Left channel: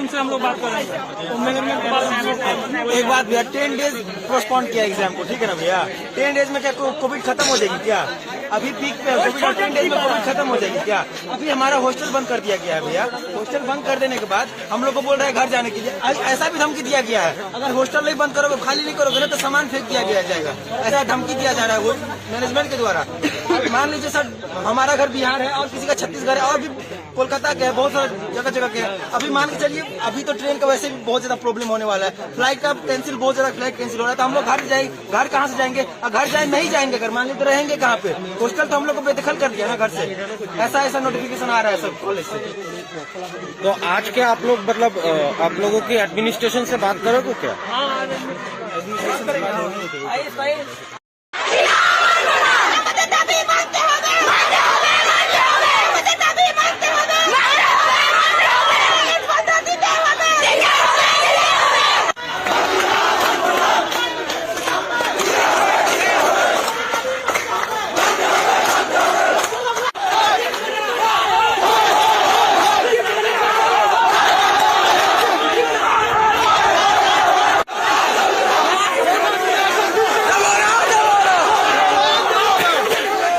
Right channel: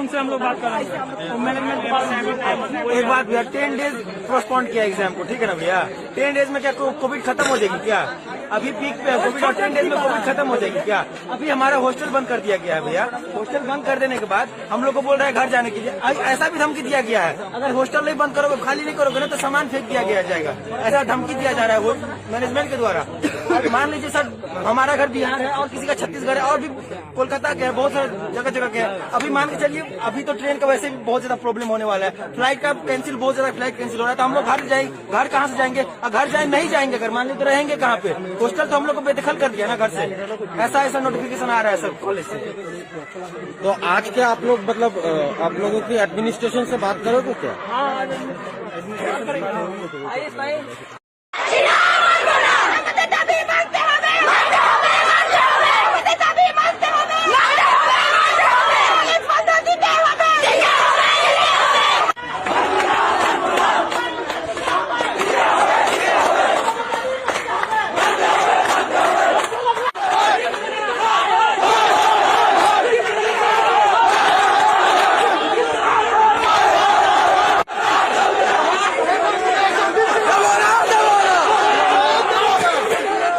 उनसे हम लोग बात करेंगे और मैनेजमेंट के बाद। एक बात भैया, 10 डेज पोस्टपोन किया एग्जाम को, ठीक है ना भैया? 10 डेज में क्या कोविड खत्म हो जाएगी क्या? अभी पीक पे है कोविड और 10 डेज में कोविड खत्म हो जाएगी क्या? अभी हमारा हॉस्टल बंद कर दिया गया है भैया। हॉस्टल बंद कर देने के बाद हम लोग को बोल रहे हैं घर जाने के लिए। ऐसा भी धमकी दिया गया है, अगर हॉस्टल नहीं बंद करोगे, खाली नहीं करोगे ना तो सामान फेंक दिया गया जाएगा। ऐसा धमकी दिया जा रहा है मैनेजमेंट के द्वारा। मान लीजिए सर, हमारा घर बिहार है और किसी का छत्तीसगढ़ है और भी कोलकाता के है, बहुत सारे जगह जगह के है। अभी मान के चलिए, अभी तो ट्रेन का वैसे भी बहुत ज्यादा प्रॉब्लम होने वाला है, फ्लाइट का कैंसिल, बहुत ज्यादा फ्लाइट कैंसिल हो रहा है। तो हम लोग घर कहाँ से जाएंगे? घर जाए नहीं जाएंगे, घर मान लीजिए तो रहेंगे कहाँ पे? हॉस्टल तो हम लोग को बेदखल कर दिया ना घर से। ऐसा नोटिफिकेशन आ रहा है सर कॉलेज से। तो आज के आप लोग मतलब आप लोगों की एडमिनिस्ट्रेशन से बात करोगे क्या?